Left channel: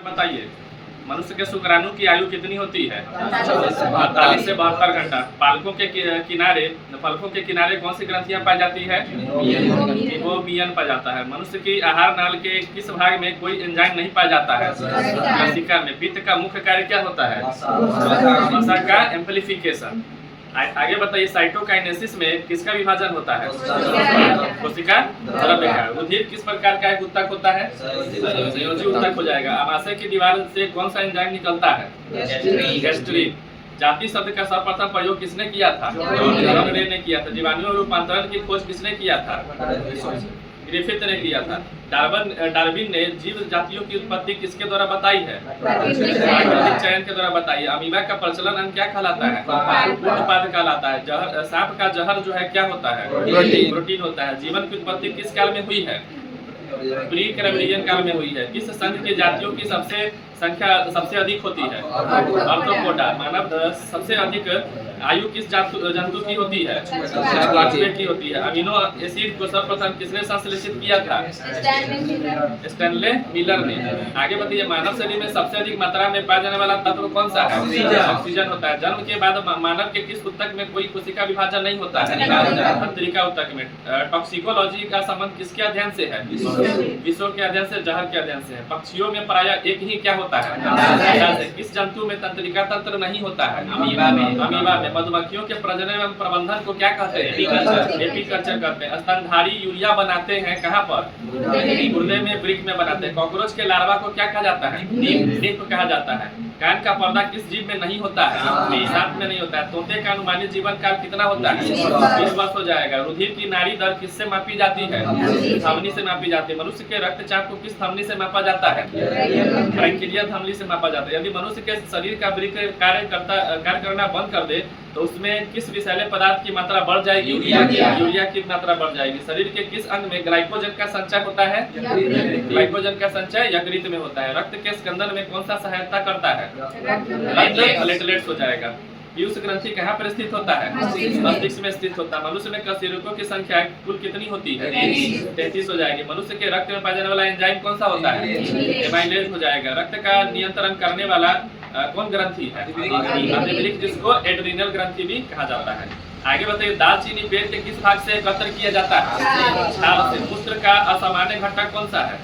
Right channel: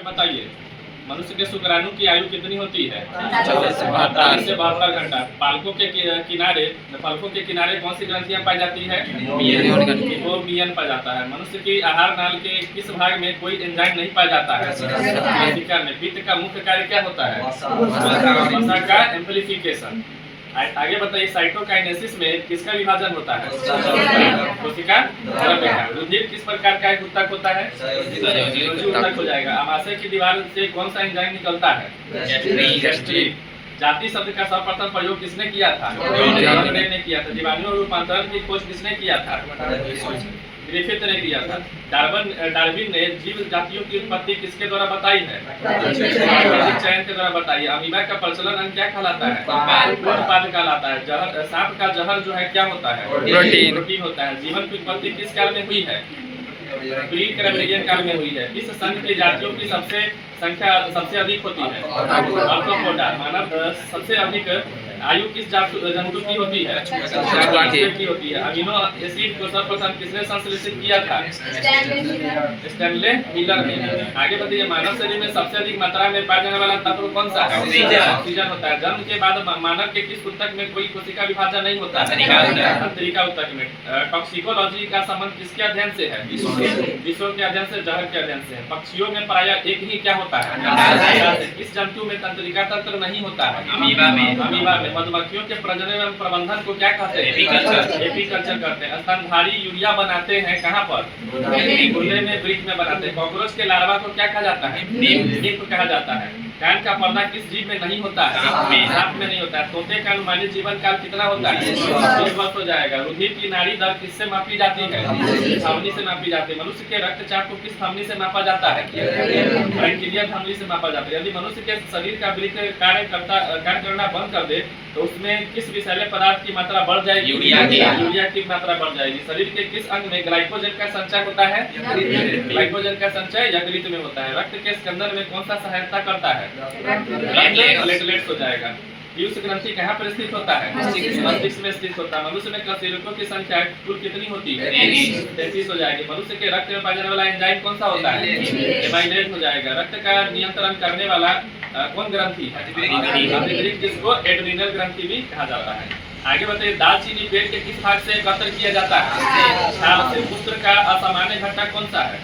हमें बताइए, मनुष्य के शुक्राणु की आयु कितनी होती है? 48 से 72 घंटा। फलकों के किनारे कौन सी ग्रंथियां पाई जाती है? मीयन पाया जाता है। मनुष्य की आहार नाल के किस भाग में कोई एंजाइम नहीं पाया जाता है? कोशिका में। पित्त का मुख्य कार्य क्या होता है? वसा का एम्प्लीफिकेशन। आगे बताइए, साइटोकाइनेसिस में किसका विभाजन होता है? कोशिका द्रव्य का। रुधिर किस प्रकार का एक ऊतक होता है? संयोजी ऊतक हो जाएगा। अमाशय की दीवार से कौन सा एंजाइम निकलता है? गैस्ट्रिक। जाति शब्द का सर्वप्रथम प्रयोग किसने किया था? ने किया था। जीवाणु रूपांतरण की खोज किसने किया था? ग्रिफिथ ने किया था। डार्विन ने जीव जातियों की उत्पत्ति किसके द्वारा बताई है? चयन के द्वारा बताई है। अमीबा का प्रचलन अंग क्या कहलाता है? पूर्णपाद कहलाता है। सांप का जहर जो है क्या होता है? प्रोटीन होता है। जीवन की उत्पत्ति किस काल में हुई है? प्री कैम्ब्रियन काल में हुई है। किस संघ की जातियों की संख्या सबसे अधिक होती है? आर्थ्रोपोडा। मानव सबसे अधिक आयु किस जंतु की होती है? की होती है। अमीनो एसिड को सर्वप्रथम किसने संश्लेषित किया था? स्टैनले मिलर ने। आगे बताइए, मानव शरीर में सबसे अधिक मात्रा में पाया जाने वाला तत्व कौन सा है? ऑक्सीजन होता है। जन्म के बाद मानव के किस ऊतक में कोई कोशिका विभाजन नहीं होता है? तंत्रिका ऊतक में। टॉक्सिकोलॉजी का संबंध किसके अध्ययन से है? विषयों के अध्ययन से, जहर के अध्ययन से है। पक्षियों में प्रायः एक ही क्या होता है? किस जंतु में तंत्रिका तंत्र नहीं होता है? अमीबा में। मधुमक्खियों के प्रजनन एवं प्रबंधन को क्या कहते हैं? एपीकल्चर कहते हैं। स्तनधारी यूरिया बनाते हैं कहाँ पर? गुर्दे में, वृक्क में बनाते हैं। कॉकरोच के लार्वा को क्या कहा जाता है? नीप कहा जाता है। कान का पर्दा किस जीव में नहीं होता है? सांप में नहीं होता है। तोते का अनुमानित जीवन काल कितना होता है? 20 वर्ष हो जाएगा। रुधिर की नाड़ी दर किससे मापी जाती है? धमनी से मापी जाती है। मनुष्य के रक्तचाप को किस धमनी से मापा जाता है? ब्रैंकिलिया धमनी से मापा जाता है। यदि मनुष्य के शरीर का वृक्क कार्य करना बंद कर दे तो उसमें किस विषैले पदार्थ की मात्रा बढ़ जाएगी? यूरिया की मात्रा बढ़ जाएगी। शरीर के किस अंग में ग्लाइकोजन का संचय होता है? ग्लाइकोजन का संचय यकृत में होता है। रक्त के स्कंदन में कौन सा सहायता करता है? प्लेटलेट्स हो जाएगा। पीयूष ग्रंथि कहाँ पर स्थित होता है? मस्तिष्क में स्थित होता है। मनुष्य में कशेरुकों की संख्या कुल कितनी होती है? 33 हो जाएगी। मनुष्य के रक्त में पाया जाने वाला एंजाइम कौन सा होता है? एमाइलेज हो जाएगा। रक्त का नियंत्रण करने वाला कौन ग्रंथि है? आंतरिक, जिसको एड्रीनल ग्रंथि भी कहा जाता है। आगे बताइए, दालचीनी पेट के किस भाग से एकत्र किया जाता है? छाल से। मूत्र का असामान्य घटक कौन सा है?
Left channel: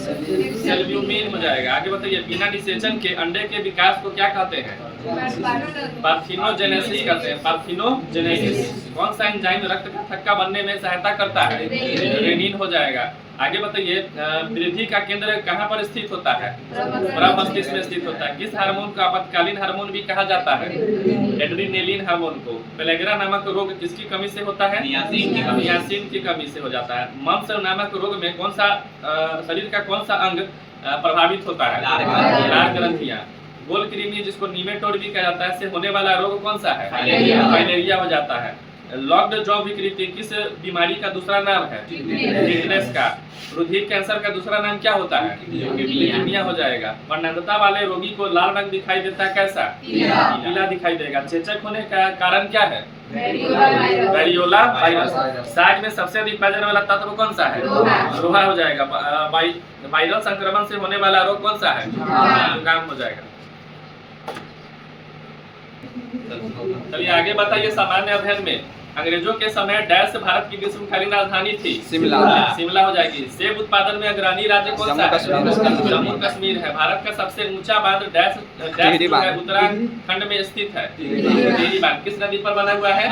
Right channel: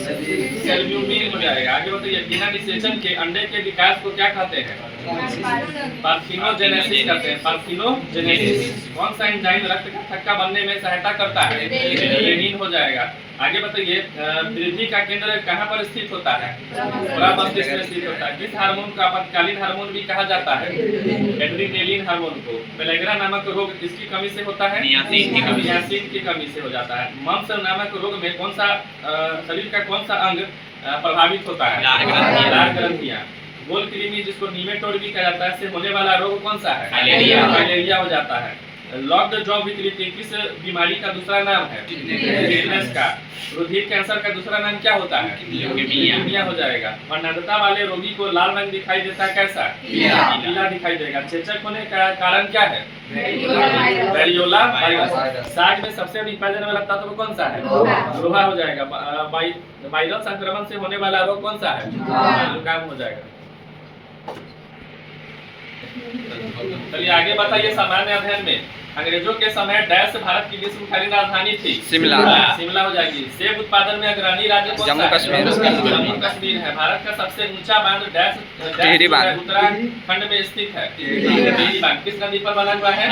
सेल्ब्यूमिन हो जाएगा। आगे बताइए, बिना निषेचन के अंडे के विकास को क्या कहते हैं? पार्थिनोजेनेसिस कहते हैं। पार्थिनोजेनेसिस। कौन सा एंजाइम रक्त का थक्का बनने में सहायता करता है? रेनिन हो जाएगा। आगे बताइए, वृद्धि का केंद्र कहाँ पर स्थित होता है? मस्तिष्क में स्थित होता है। किस हार्मोन को आपातकालीन हार्मोन भी कहा जाता है? एड्रेनालिन हार्मोन को। पेलेग्रा नामक रोग किसकी कमी से होता है? नियासिन की कमी से हो जाता है। मम्स नामक रोग में कौन सा शरीर का कौन सा अंग प्रभावित होता है? लार ग्रंथियां। गोल कृमि, जिसको नीमेटोड भी कहा जाता है, से होने वाला रोग कौन सा है? फाइलेरिया हो जाता है। लॉक्ड जॉ विकृति किस बीमारी का दूसरा नाम है? टिटनेस का। रुधिर कैंसर का दूसरा नाम क्या होता है? ल्यूकेमिया हो जाएगा। वर्णांधता वाले रोगी को लाल रंग दिखाई देता है, कैसा? पीला दिखाई देगा। चेचक होने का कारण क्या है? Variola virus. साग में सबसे अधिक पाया जाने वाला तत्व कौन सा है? लोहा हो जाएगा। वायरल संक्रमण से होने वाला रोग कौन सा है? जुकाम हो जाएगा। चलिए आगे बताइए, सामान्य अध्ययन में अंग्रेजों के समय डैश भारत की विश्वकालीन राजधानी थी? शिमला हो जाएगी। सेब उत्पादन में अग्रणी राज्य कौन सा है? जम्मू कश्मीर है। भारत का सबसे ऊंचा बांध डैश उत्तराखंड में स्थित है। टिहरी बांध किस नदी पर बना हुआ है?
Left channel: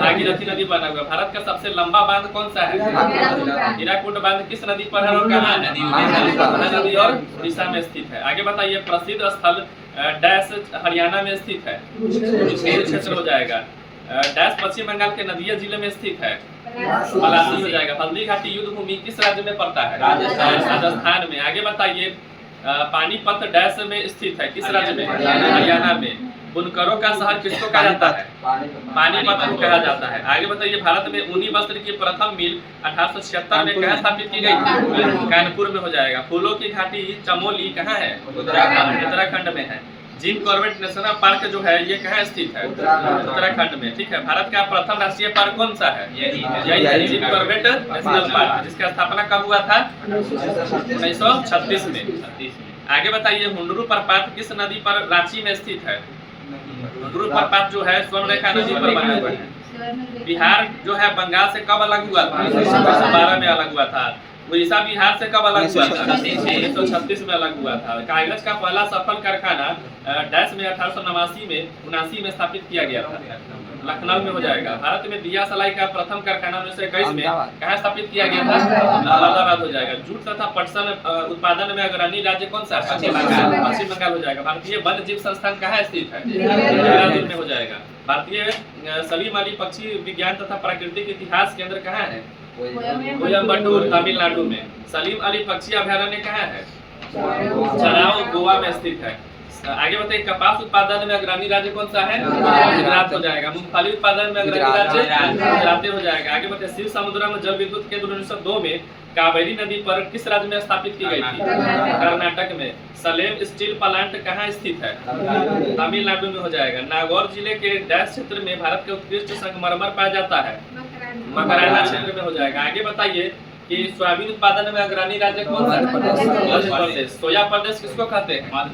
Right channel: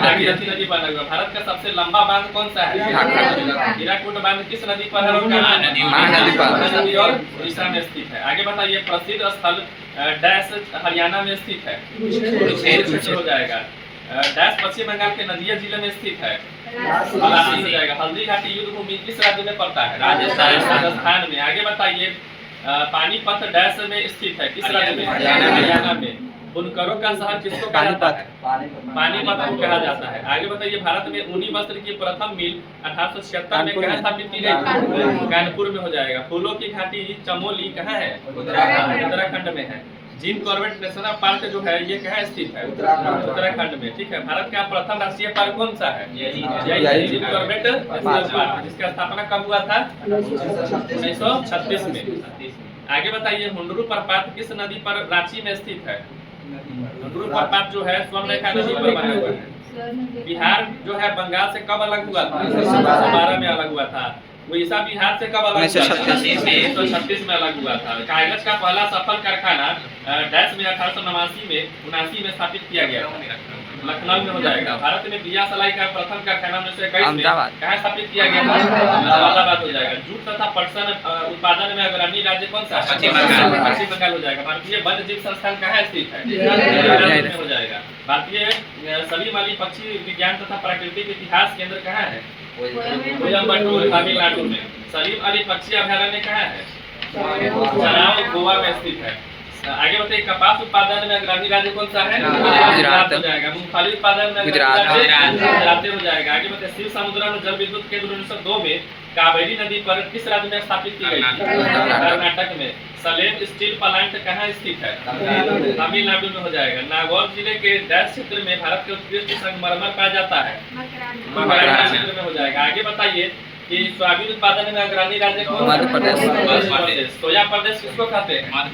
भागीरथी नदी बना हुआ। भारत का सबसे लंबा बांध कौन सा है? हीराकुड बांध किस नदी पर है? महानदी और उड़ीसा में स्थित है। आगे बताइए, प्रसिद्ध स्थल डैश हरियाणा में स्थित है? कुरुक्षेत्र हो जाएगा। डैश पश्चिम बंगाल के नदिया जिले में स्थित है? पलासी हो जाएगा। हल्दी घाटी युद्ध भूमि किस राज्य में पड़ता है? राजस्थान में। आगे बताइए, पानीपत डैश में स्थित है? किस राज्य में? हरियाणा में। बुनकरों का शहर किसको कहा जाता है? पानीपत को कहा जाता है। आगे बताइए, भारत में ऊनी वस्त्र की प्रथम मिल 1876 में कहाँ स्थापित की गई थी? कानपुर में हो जाएगा। फूलों की घाटी चमोली कहाँ है? उत्तराखंड में है। जिम कॉर्बेट नेशनल पार्क जो है ये कहाँ स्थित है? उत्तराखंड में। ठीक है। भारत का प्रथम राष्ट्रीय पार्क कौन सा है? यही जिम कॉर्बेट नेशनल पार्क, जिसका स्थापना कब हुआ था? 1936 में। आगे बताइए, हुंडरू प्रपात किस नदी पर रांची में स्थित है? हुंडरू प्रपात जो है स्वर्णरेखा नदी पर बना हुआ है। बिहार जो है बंगाल से कब अलग हुआ था? 1912 में अलग हुआ था। उड़ीसा बिहार से कब अलग हुआ था? 1936 में अलग हुआ था। कागज का पहला सफल कारखाना डैश में 1889 में स्थापित किया गया था, लखनऊ में हो जाएगा। भारत में दिया सलाई का प्रथम कारखाना 1921 में कहाँ स्थापित किया गया था? अहमदाबाद हो जाएगा। जूट तथा पटसन उत्पादन में अग्रणी राज्य कौन सा? पश्चिम बंगाल हो जाएगा। भारतीय वन्य जीव संस्थान कहाँ स्थित है? में हो जाएगा। भारतीय सलीम अली पक्षी विज्ञान तथा प्राकृतिक इतिहास केंद्र कहाँ है? कोयम्बटूर तमिलनाडु में। सलीम अली पक्षी अभयारण्य कहाँ है? चनाव गोवा में स्थित है। आगे बताइए, कपास उत्पादन में अग्रणी राज्य कौन सा है? गुजरात हो जाएगा। मूंगफली उत्पादन में गुजरात हो जाएगा। आगे बताइए, शिव समुद्र में जल विद्युत केंद्र 1902 में कावेरी नदी पर किस राज्य में स्थापित की गई थी? कर्नाटक में। सलेम स्टील प्लांट कहाँ स्थित है? तमिलनाडु में हो जाएगा। नागौर जिले के डैश क्षेत्र में भारत के उत्कृष्ट संगमरमर पाया जाता है? मकराना क्षेत्र में हो जाएगा। आगे बताइए कि सोयाबीन उत्पादन में अग्रणी राज्य कौन? मध्य प्रदेश। सोया प्रदेश किसको कहते हैं? मध्य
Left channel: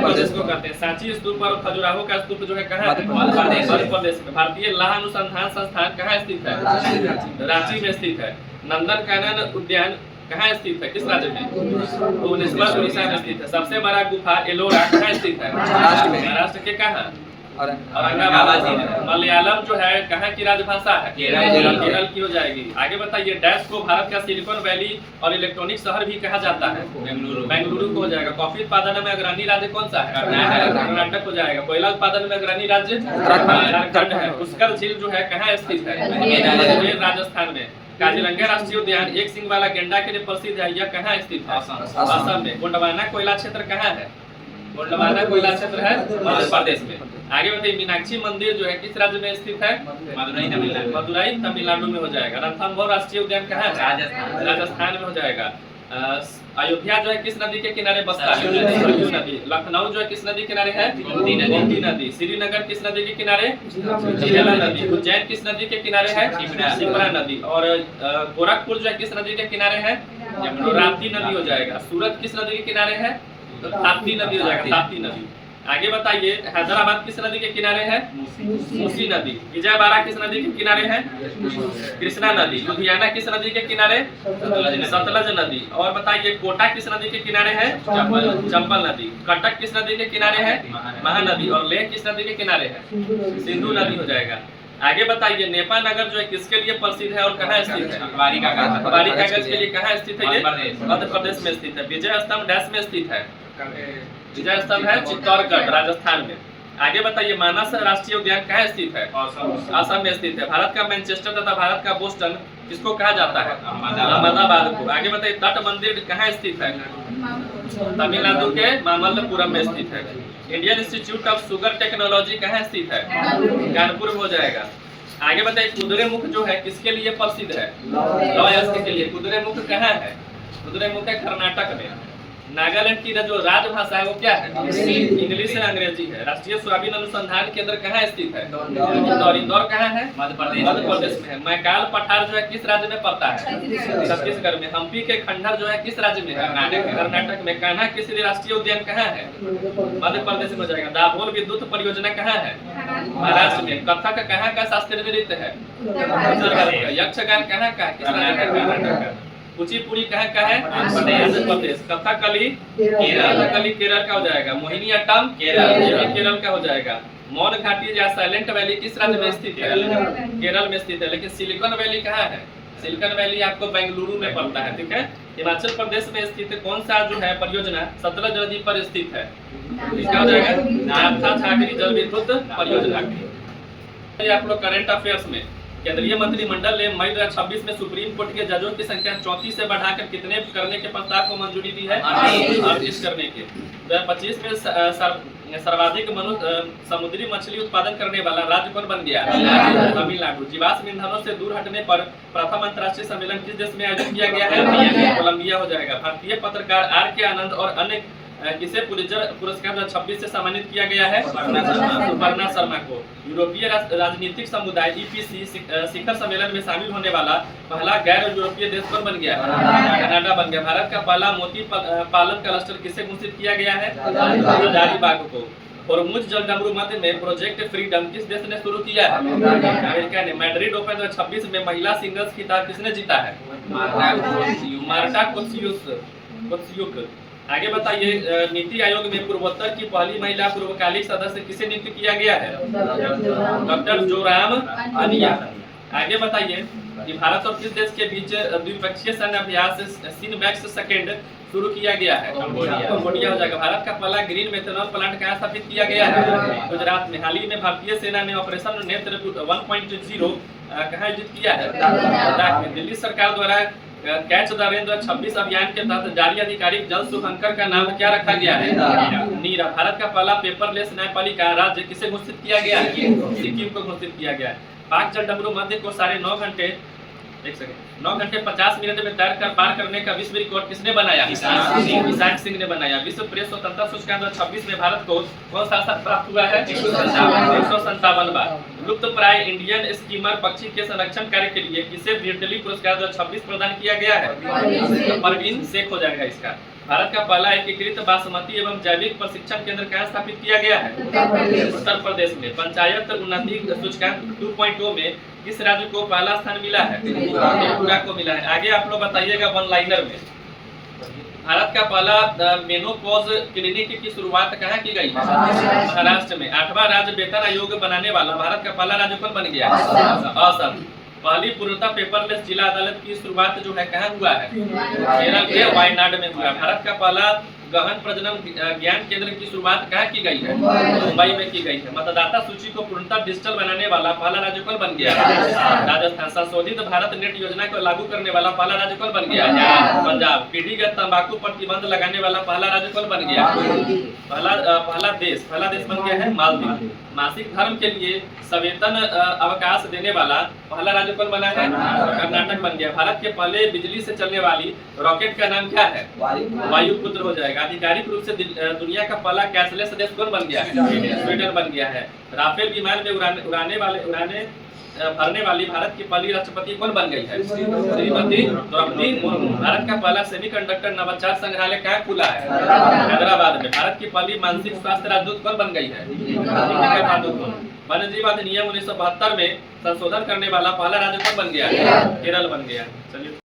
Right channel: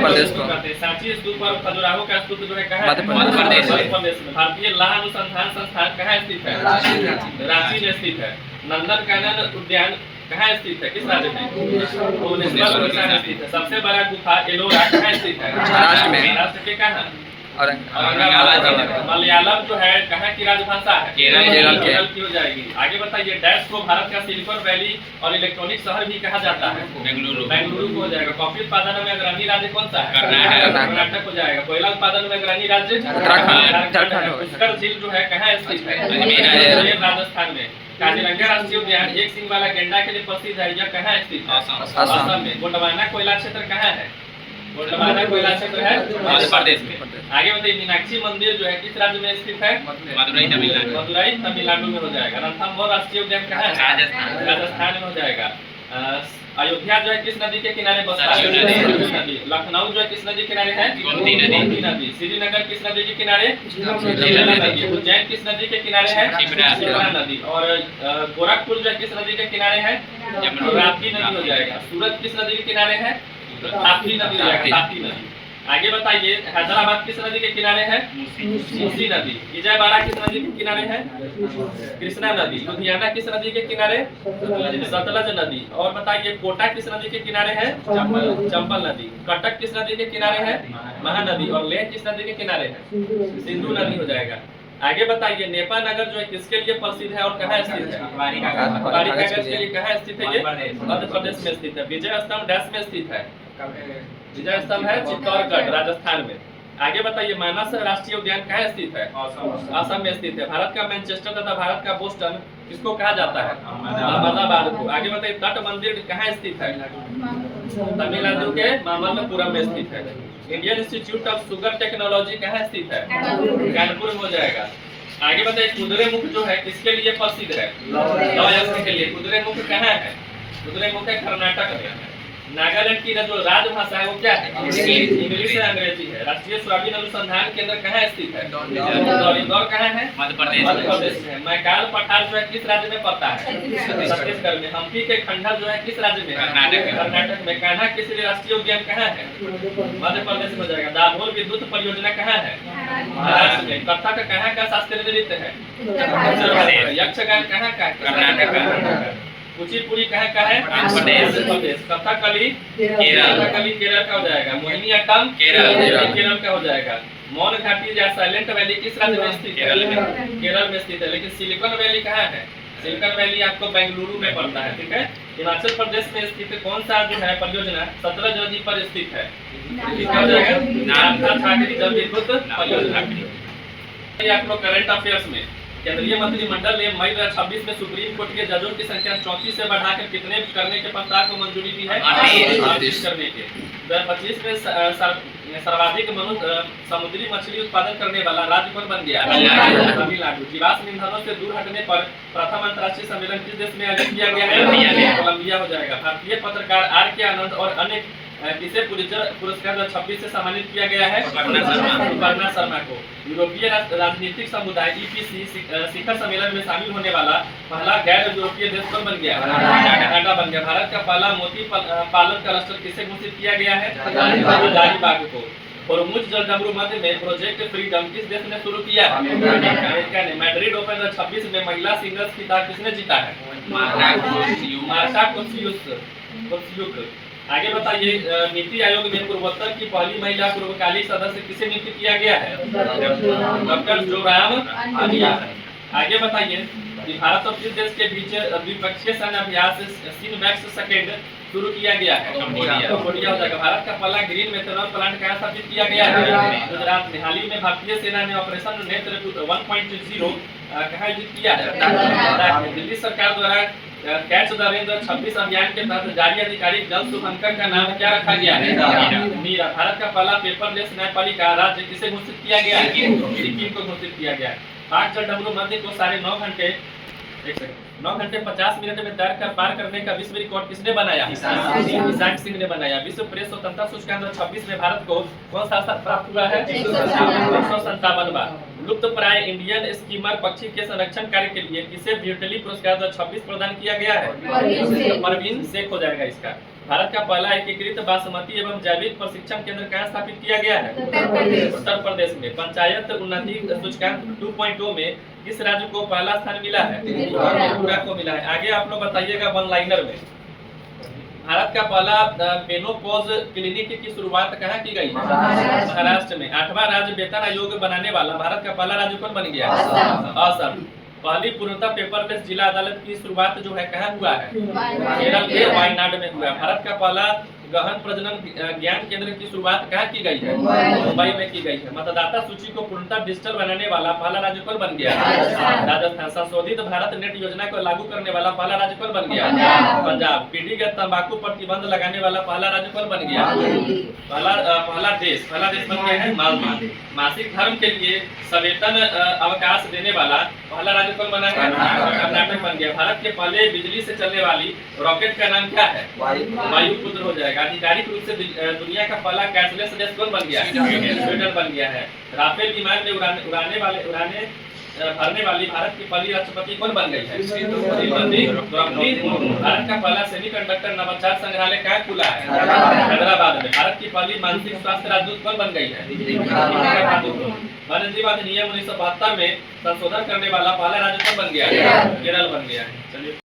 प्रदेश को कहते हैं। सांची स्तूप और खजुराहो का स्तूप जो है कहाँ? मध्य प्रदेश में। भारतीय लाह अनुसंधान संस्थान कहाँ स्थित है? रांची में स्थित है। नंदन कानन उद्यान कहाँ स्थित है? किस राज्य में? भुवनेश्वर उड़ीसा में स्थित है। सबसे बड़ा गुफा एलोरा कहाँ स्थित है? महाराष्ट्र के कहाँ? औरंगाबाद। मलयालम जो है कहाँ की राजभाषा है? केरल की हो जाएगी। आगे बताइए, डैश को भारत का सिलिकॉन वैली और इलेक्ट्रॉनिक शहर भी कहा जाता है? बेंगलुरु को हो जाएगा। कॉफी उत्पादन में अग्रणी राज्य कौन सा है? कर्नाटक हो जाएगा। कोयला उत्पादन में अग्रणी राज्य उत्तराखंड। पुष्कर झील जो है कहाँ स्थित है? राजस्थान में। काजीरंगा राष्ट्रीय उद्यान एक सिंग वाला गेंडा के लिए प्रसिद्ध है, यह कहाँ स्थित है? असम में। गोंडवाना कोयला क्षेत्र कहाँ है? गोंडवाना कोयला क्षेत्र है मध्य प्रदेश में। आगे बताइए, मीनाक्षी मंदिर जो है किस राज्य में स्थित है? मदुरई तमिलनाडु में हो जाएगा। रणथंभौर राष्ट्रीय उद्यान कहाँ है? राजस्थान में हो जाएगा। अयोध्या जो है किस नदी के किनारे बसता है? नदी। लखनऊ जो है किस नदी के किनारे है? गोमती नदी। श्रीनगर किस नदी के किनारे? झीलना नदी। उज्जैन किस नदी के किनारे है? शिप्रा नदी। और गोरखपुर जो है किस नदी के किनारे है? राप्ती नदी हो जाएगा। सूरत किस नदी के किनारे है? ताप्ती नदी हो जाएगा। ताप्ती नदी। आगे बताइए, हैदराबाद किस नदी के किनारे है? मूसी नदी। विजयवाड़ा किस नदी के किनारे है? कृष्णा नदी। लुधियाना किस नदी के किनारे? सतलज नदी। और बताइए, कोटा किस नदी के किनारे है? चंबल नदी। कटक किस नदी के किनारे है? महानदी। और लेह किस नदी के किनारे है? सिंधु नदी हो जाएगा। आगे बताइए, नेपा नगर जो है किसके लिए प्रसिद्ध है और कहाँ स्थित है? बारी कागज के लिए कहाँ स्थित है? ये मध्य प्रदेश में स्थित है। विजय स्तंभ डैश में स्थित है? विजय स्तंभ है चित्तौड़गढ़ राजस्थान में। आगे बताइए, मानस राष्ट्रीय उद्यान कहाँ स्थित है? असम में स्थित है। भारत का मैनचेस्टर तथा भारत का बोस्टन किसको कहा जाता है? अहमदाबाद को। आगे बताइए, तट मंदिर कहाँ स्थित है? तमिलनाडु के मामल्लपुरम में स्थित है। Indian institute of sugar technology कहाँ स्थित है? कानपुर में हो जाएगा। आगे बताइए, कुद्रेमुख जो है किसके लिए प्रसिद्ध है? लौह अयस्क के लिए। कुद्रेमुख कहाँ है? कुद्रेमुख है कर्नाटक में। नागालैंड की जो राजभाषा है वो क्या है? इंग्लिश है, अंग्रेजी है। राष्ट्रीय सोयाबीन अनुसंधान केंद्र कहाँ स्थित है? इंदौर कहाँ है? मध्य प्रदेश में है। मैकाल पठार जो है किस राज्य में पड़ता है? छत्तीसगढ़ में। हम्पी के खंडर जो है किस राज्य में है? कर्नाटक में। कान्हा किसली राष्ट्रीय उद्यान कहाँ है? मध्य प्रदेश में हो जाएगा। दाभोल विद्युत परियोजना कहाँ है? महाराष्ट्र में। कथक कहाँ का शास्त्रीय नृत्य है? यक्षगान कहाँ का? कर्नाटक का। कुचिपुड़ी कहाँ का है? आंध्र प्रदेश। कथकली केरल का हो जाएगा। मोहिनीअट्टम केरल का हो जाएगा। मौन घाटी या साइलेंट वैली किस राज्य में स्थित है? केरल में स्थित है। लेकिन सिलिकॉन वैली कहाँ है? सिलिकॉन वैली आपको बेंगलुरु में पड़ता है, ठीक है। हिमाचल प्रदेश में स्थित कौन सा जो है परियोजना सतलज नदी पर स्थित है? नामथा छागरी जल विद्युत परियोजना। आप लोग करंट अफेयर्स में केंद्रीय मंत्रिमंडल ने मई 2026 में सुप्रीम कोर्ट के जजों की संख्या 34 से बढ़ाकर कितने करने के प्रस्ताव को मंजूरी दी है? 38 करने के। 2025 में सर्वाधिक समुद्री मछली उत्पादन करने वाला राज्य कौन बन गया? तमिलनाडु। जीवाश्म ईंधनों से दूर हटने पर प्रथम अंतर्राष्ट्रीय सम्मेलन किस देश में आयोजित किया गया है? कोलंबिया हो जाएगा। भारतीय पत्रकार आर के आनंद और अन्य किसे पुलित्जर पुरस्कार 2026 से सम्मानित किया गया है? सुपर्णा शर्मा को। यूरोपीय राजनीतिक समुदाय EPC शिखर सम्मेलन में शामिल होने वाला पहला गैर यूरोपीय देश कौन बन गया? कनाडा बन गया। भारत का पहला मोती पालन क्लस्टर किसे घोषित किया गया है? हजारीबाग को। होर्मुज जलडमरू मध्य में प्रोजेक्ट फ्रीडम किस देश ने शुरू किया है? अमेरिका ने। मैड्रिड ओपन 2026 में महिला सिंगल्स खिताब किसने जीता है? मार्टा कोस्तियुक। आगे बताइए, नीति आयोग में पूर्वोत्तर की पहली महिला पूर्वकालिक सदस्य किसे नियुक्त किया गया है? डॉक्टर जोराम आलिया। आगे बताइए कि भारत और किस देश के बीच द्विपक्षीय सैन्य अभ्यास सिनमैक्स सेकेंड शुरू किया गया है? कंबोडिया हो जाएगा। भारत का पहला ग्रीन मेथनॉल प्लांट कहाँ स्थापित किया गया है? गुजरात में। हाल ही में भारतीय सेना ने ऑपरेशन नेत्र 1.0 कहाँ आयोजित किया है? लद्दाख में। दिल्ली सरकार द्वारा कैच द रेन 2026 अभियान के तहत जारी आधिकारिक जल शुभंकर का नाम क्या रखा गया है? नीरा। भारत का पहला पेपरलेस न्यायपालिका राज्य किसे घोषित किया गया है? सिक्किम को घोषित किया गया है। पाक जलडमरू मध्य को 9.5 घंटे 9 घंटे 50 मिनट में तैर कर पार करने का विश्व रिकॉर्ड किसने बनाया? ईशान सिंह ने बनाया। विश्व प्रेस स्वतंत्रता सूचकांक 2026 में भारत को कौन सा स्थान प्राप्त हुआ है? 157 बार। लुप्त प्राय इंडियन स्कीमर पक्षी के संरक्षण कार्य के लिए किसे ब्रिटली पुरस्कार 2026 प्रदान किया गया है? तो परवीन शेख हो जाएगा इसका। भारत का पहला एकीकृत बासमती एवं जैविक प्रशिक्षण केंद्र कहाँ स्थापित किया गया है? उत्तर प्रदेश में। पंचायत उन्नति सूचकांक 2.0 में किस राज्य को पहला स्थान मिला है? त्रिपुरा को मिला है। आगे आप लोग बताइएगा वन लाइनर में। भारत का पहला मेनोपॉज क्लिनिक की शुरुआत कहाँ की गई? महाराष्ट्र में। 8वां राज्य वेतन आयोग बनाने वाला भारत का पहला राज्य कौन बन गया? असम। पहली पूर्णतः पेपरलेस जिला अदालत की शुरुआत जो है कहाँ हुआ है? केरल के वायनाड में हुआ। भारत का पहला गहन प्रजनन ज्ञान केंद्र की शुरुआत कहाँ की गई है? मुंबई में की गई है। मतदाता सूची को पूर्णतः डिजिटल बनाने वाला पहला राज्य कौन बन गया? राजस्थान। संशोधित भारत नेट योजना को लागू करने वाला पहला राज्य कौन बन गया? पंजाब। पीढ़ीगत तंबाकू प्रतिबंध लगाने वाला पहला राज्य कौन बन गया? पहला देश बन गया है मालदीव। मासिक धर्म के लिए सवेतन अवकाश देने वाला पहला राज्य कौन बना है? कर्नाटक बन गया। भारत के पहले बिजली से चलने वाली रॉकेट का नाम क्या है? वायुपुत्र हो जाएगा। आधिकारिक रूप से दुनिया का पहला कैशलेस देश कौन बन गया है? स्वीडन बन गया है। राफेल विमान में उड़ाने भरने वाली भारत की पहली राष्ट्रपति कौन बन गई है? श्रीमती द्रौपदी मुर्मू। भारत का पहला सेमीकंडक्टर नवाचार संग्रहालय कहाँ खुला है? हैदराबाद में। भारत की पहली मानसिक स्वास्थ्य राजदूत कौन बन गई है? वन्य जीव अधिनियम 1972 में संशोधन करने वाला पहला राज्य कौन बन गया? केरल बन गया।